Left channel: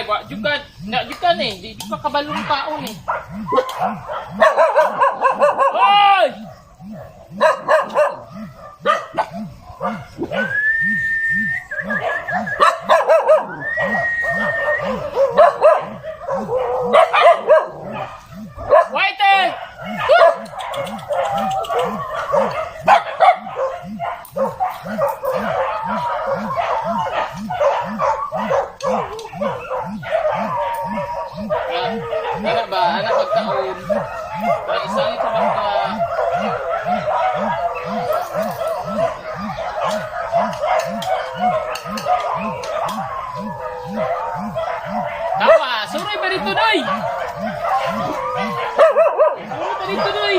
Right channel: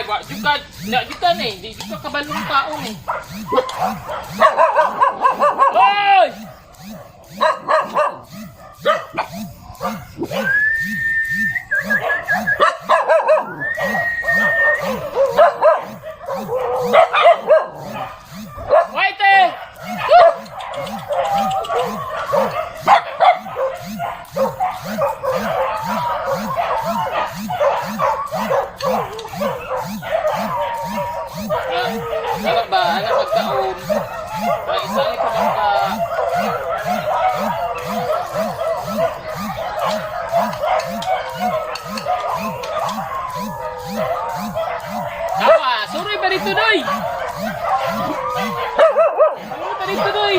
Ay, jukan eh. Di ka kabalong taon eh. Hoy! Whitey! Anak ba? Anak magkaon. Kaya isali ka ba? Tawa! Suroy ba dito, Doy? Suroy ba dito, Doy?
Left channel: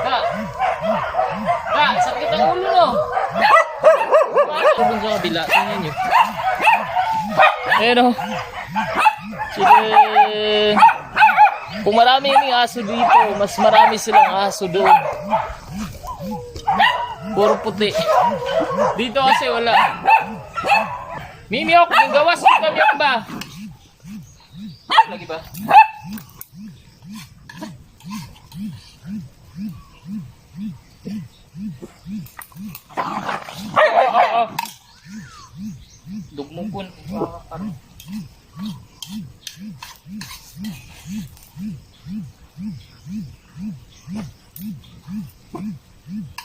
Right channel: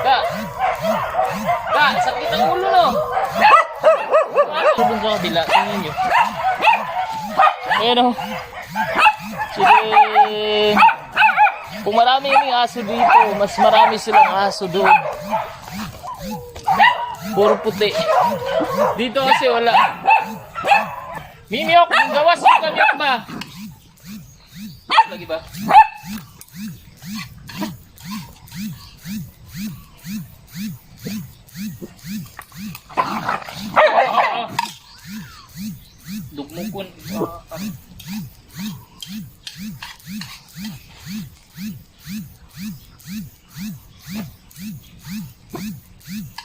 Da! Sakit ang ulo, no? Tubong sa kabila. Tingnan nyo. Ayan, o. Sige. Kung marami yung aso dito, mas marami silang aso doon. Puro puti. Dito kasi wala. Mimiok, yung gawas mo kami ba? Lagi ba? Dugmukun.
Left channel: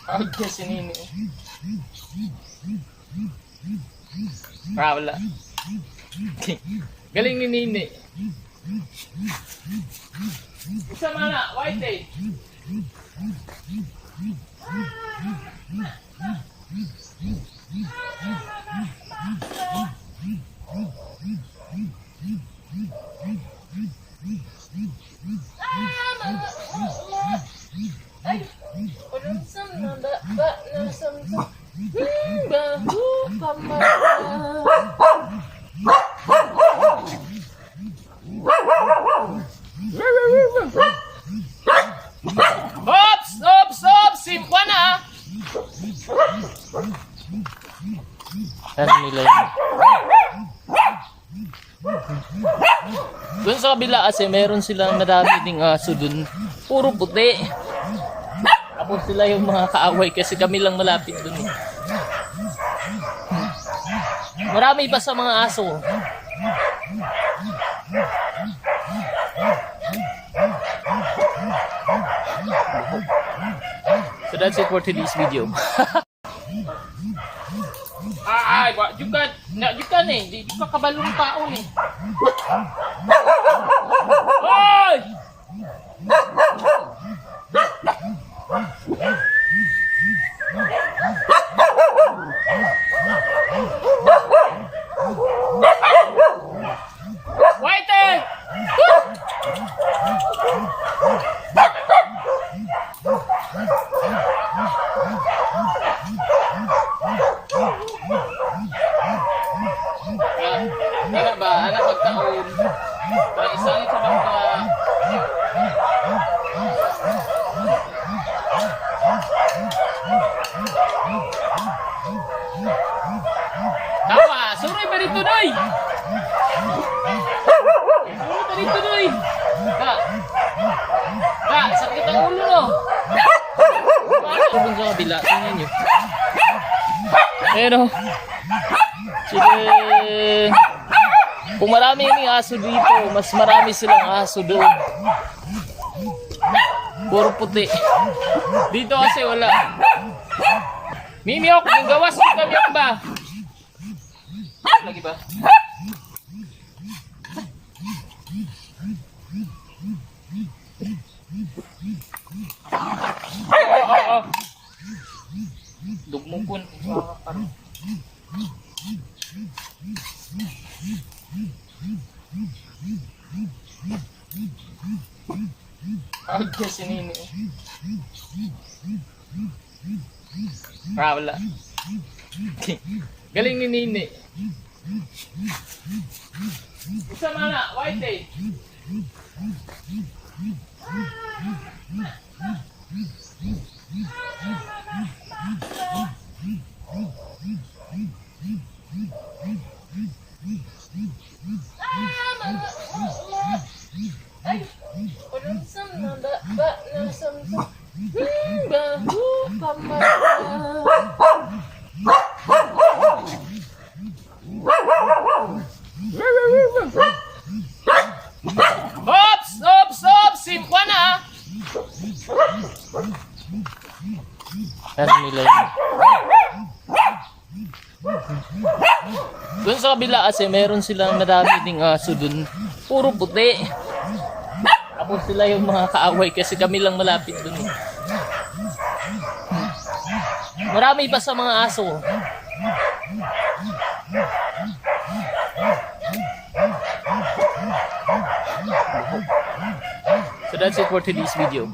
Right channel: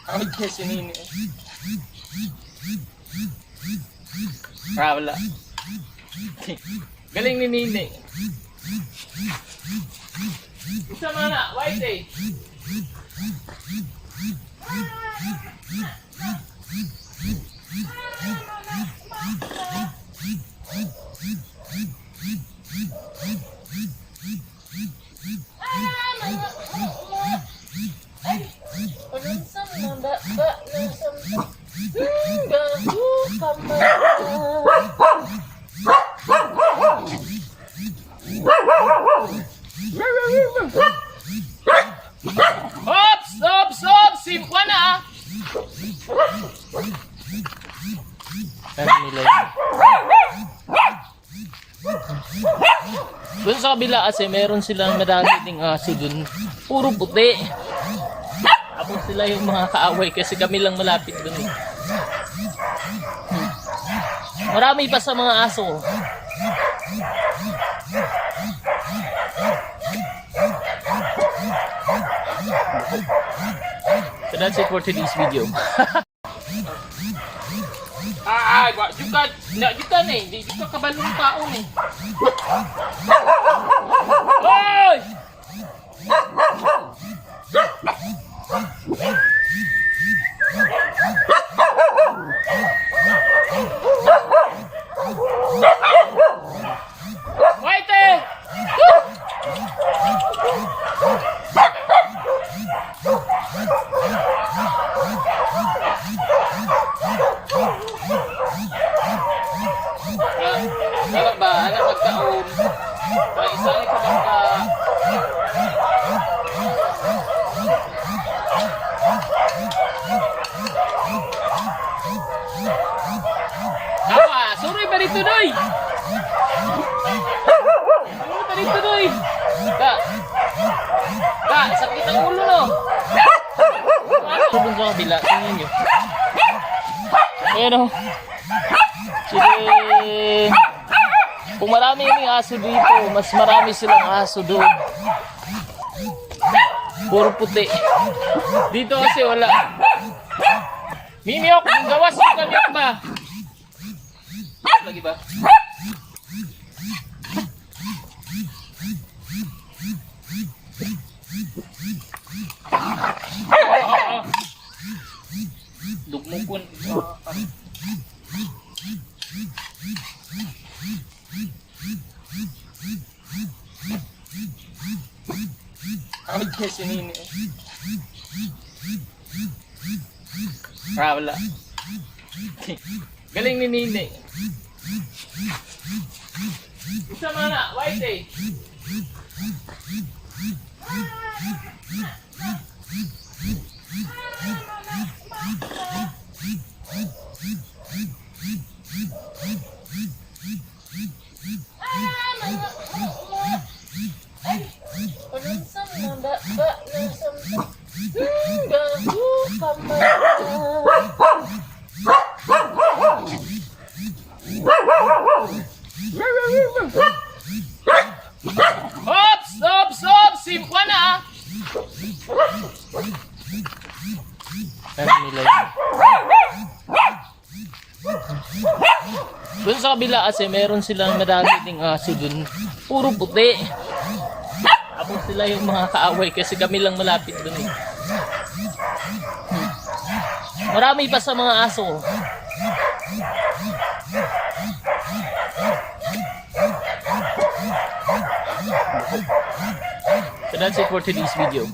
Out niya si Nini. Wala. Galing ni Nini. Isa mana, Whitey. Simwana. Ano nila yun? Doon sa kabila kasi meron silang madami ding aso dun. Puro puti. Tapos sila yung mga kaaway kasi kami lang malapit dun eh. Marami pa sa mga aso. So that's it for today's video. Ay, jukan eh. Di ka kabalong taon eh. Hoy! Whitey! Anak ba? Anak magkaon. Kaya isali ka ba? Tawa! Suroy ba dito, Doy? Suroy ba dito, Doy? Da! Sakit ang ulo, no? Tubong sa kabila. Tingnan nyo. Ayan, o. Sige. Kung marami yung aso dito, mas marami silang aso doon. Puro puti. Dito kasi wala. Mimiok, yung gawas mo kami ba? Lagi ba? Dugmukun. Out niya si Nini. Wala. Galing ni Nini. Isa mana, Whitey. dyan. Doon sa kabila kasi meron silang madami ding aso dun. Puro puti. Tapos sila yung mga kaaway kasi kami lang malapit dun eh. Marami pa sa mga aso. So that's it for today's video.